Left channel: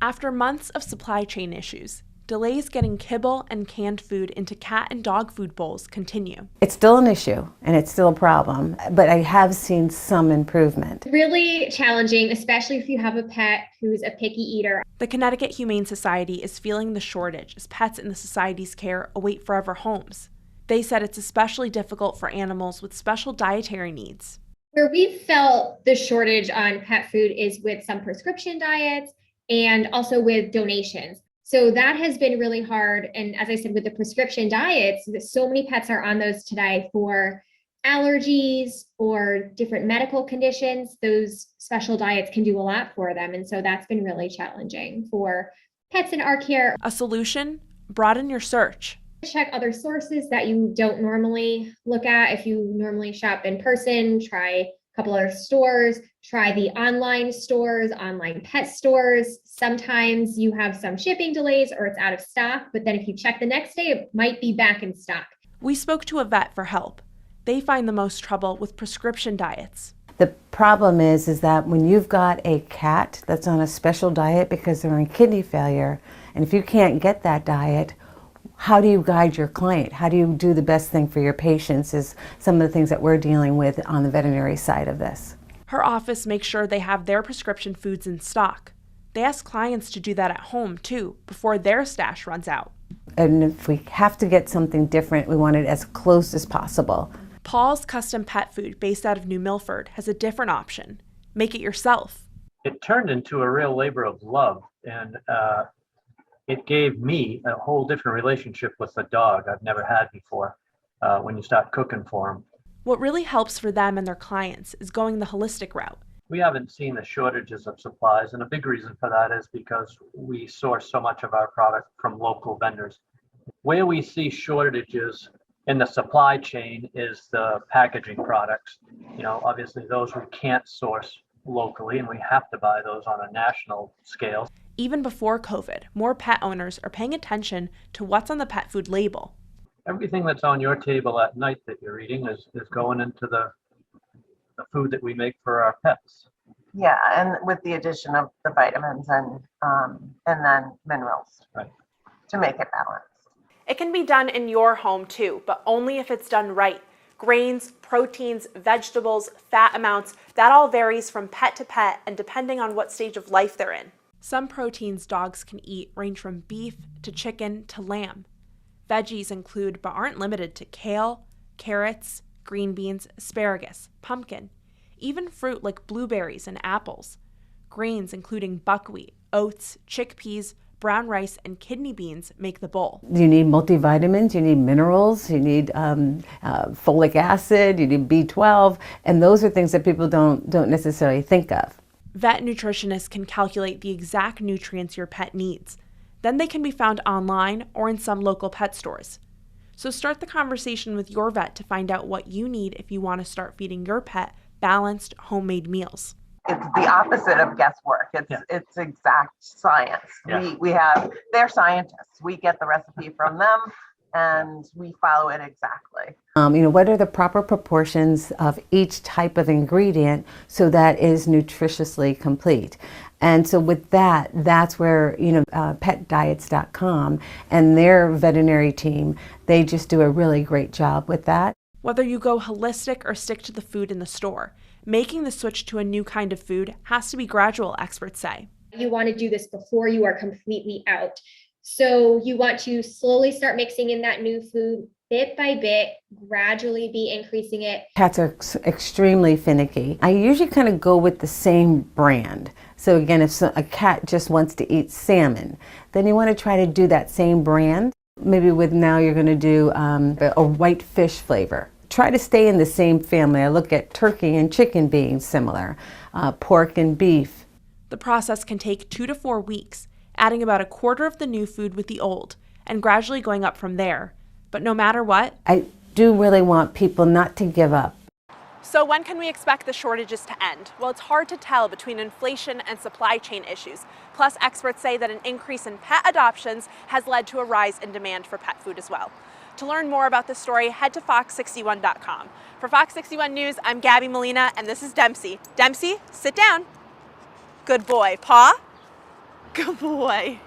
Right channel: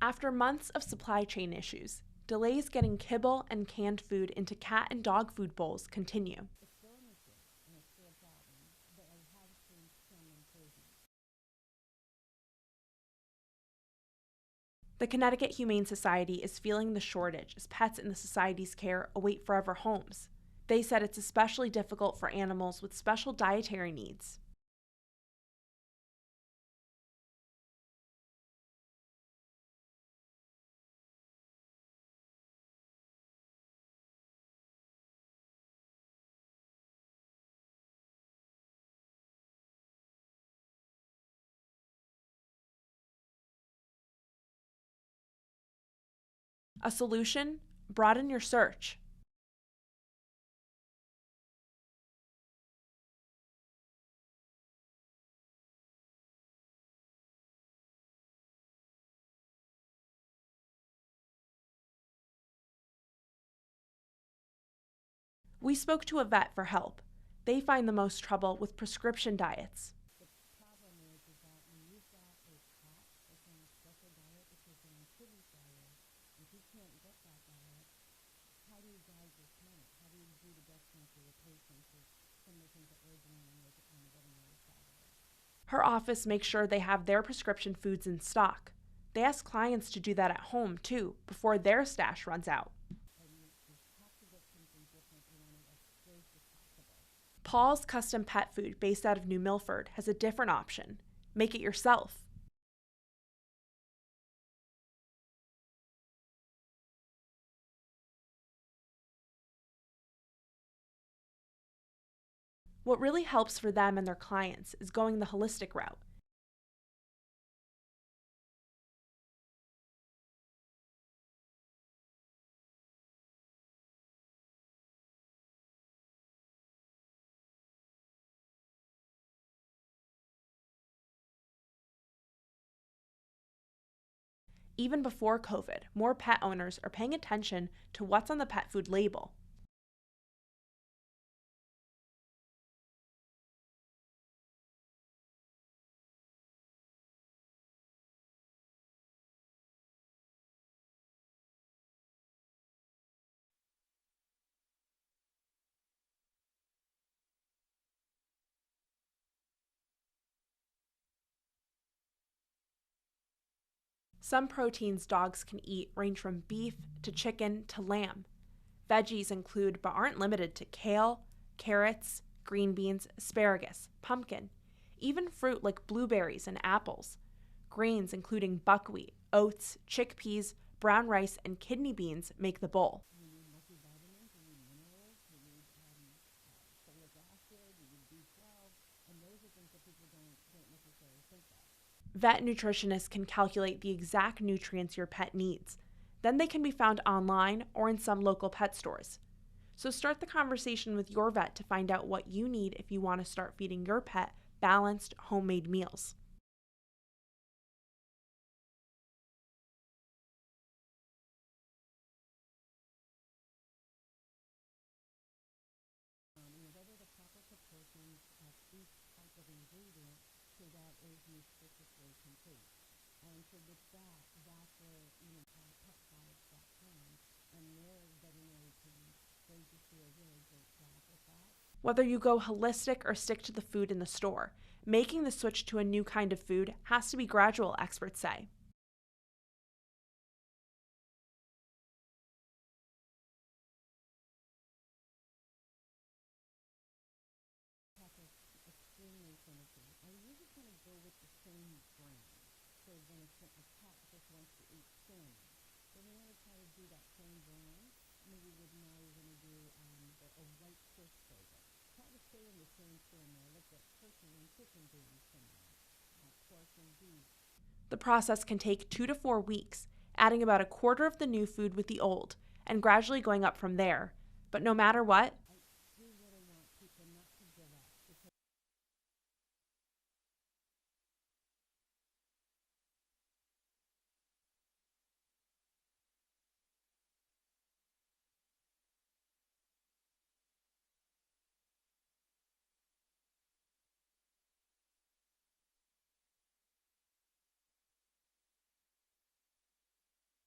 After months of supply chain issues, delays getting kibble and canned food into cat and dog food bowls continue. It's still an issue and it's still a problem, but I have seen some improvement. Really challenging, especially if you have a pet who's a picky eater. The Connecticut Humane Society is feeling the shortage as pets in the society's care await forever homes. They said it's especially difficult for animals with special dietary needs. Where we've felt the shortage on pet food is with some prescription diets and also with donations. So that has been really hard. And as I said, with the prescription diets, so many pets are on those today for allergies or different medical conditions. Those special diets can do a lot for them. And so that's been really challenging for pets in our care. A solution? Broaden your search. Check other sources that you don't normally look at. If you normally shop in person, try a couple other stores, try the online stores, online pet stores. Sometimes you have some shipping delays or it's out of stock, but then if you check the next day, it might be back in stock. We spoke to a vet for help. They find the most trouble with prescription diets. The problem is that when you've got a cat that's on a special diet because they're in kidney failure, and if you can't get that diet, how do you guide your client? How do you do the best thing for your patients is some of the things that we're dealing with on the veterinary side of this. Her office makes sure they have their prescription foods in stock. They ask clients to do that at home too, before their stash runs out. And if we have to get something different, we want it as close as possible. Paul's Custom Pet Food, based out of New Milford, has a different option. Make it yourself. It turned into a real labor of love, and it gave me a whole different relationship with the dog I've never had before when you start cooking for them. What really helps for them and their clients is going the holistic route. We haven't seen the shortages of supplies, and a big reason for that is because we source so much of our product from local vendors. Where we see shortages in the supply chain is the packaging products. You know, obviously those we can't source locally, and we have to buy those on a national scale. Even before COVID, more pet owners are paying attention to what's on the pet food label. Everything that's on your table at night that you're eating is going into the food that we make for our pets. Yeah, and with the addition of the vitamins and then minerals, right, to make it balanced. It can be done in your home too, but only if it's done right. Grains, proteins, vegetables, fat amounts, that all varies from pet to pet and depending on what stage of life they're in. Some proteins dogs can eat range from beef to chicken to lamb. Veggies include but aren't limited to kale, carrots, green beans, asparagus, pumpkin, even fruit like blueberries and apples. Grains including buckwheat, oats, chickpeas, brown rice, and kidney beans make the bowl. You need multivitamins, you need minerals, you need folic acid, you need B12, and those are things that people don't necessarily think of. Vet nutritionists can calculate the exact nutrients your pet needs. Then they can be found online or in some local pet stores. So start the conversation with your vet to find out what you need if you want to start feeding your pet balanced, homemade meals. It's the opposite of guesswork. It's exact science. Yeah. They're scientists. We get the recipe from them and we follow it exactly. What are the proper proportions of each type of ingredient so that is nutritiously complete? And so with that, that's where, petdiets.com and their veterinary team, they just do a really great job with that. Whether you go holistic or stick to the food in the store, making the switch to a new kind of food has to be gradual, experts say. You want to do this before you are completely out. So you want to slowly start mixing in that new food bit by bit, gradually be increasing it. Cats are extremely finicky. I usually kind of go with the same brand. So again, if a cat just wants to eat salmon, then you want to try to do that same brand. Maybe now you're going to do a white fish flavor. Try to stay in the same family. I look at turkey and chicken being similar, pork and beef. The process can take 2 to 4 weeks, adding about a quarter of the new food with the old, and gradually going up from there. But no matter what, I do really want people not to give up. So when can we expect the shortages to end? Well, it's hard to tell between inflation and supply chain issues. Plus, experts say that an increase in pet adoptions has led to a rise in demand for pet food as well. To learn more about this story, head to fox61.com. For Fox 61 News, I'm Gabby Molina, and this is Dempsey. Dempsey, sit down. Good boy. Paw? Good boy.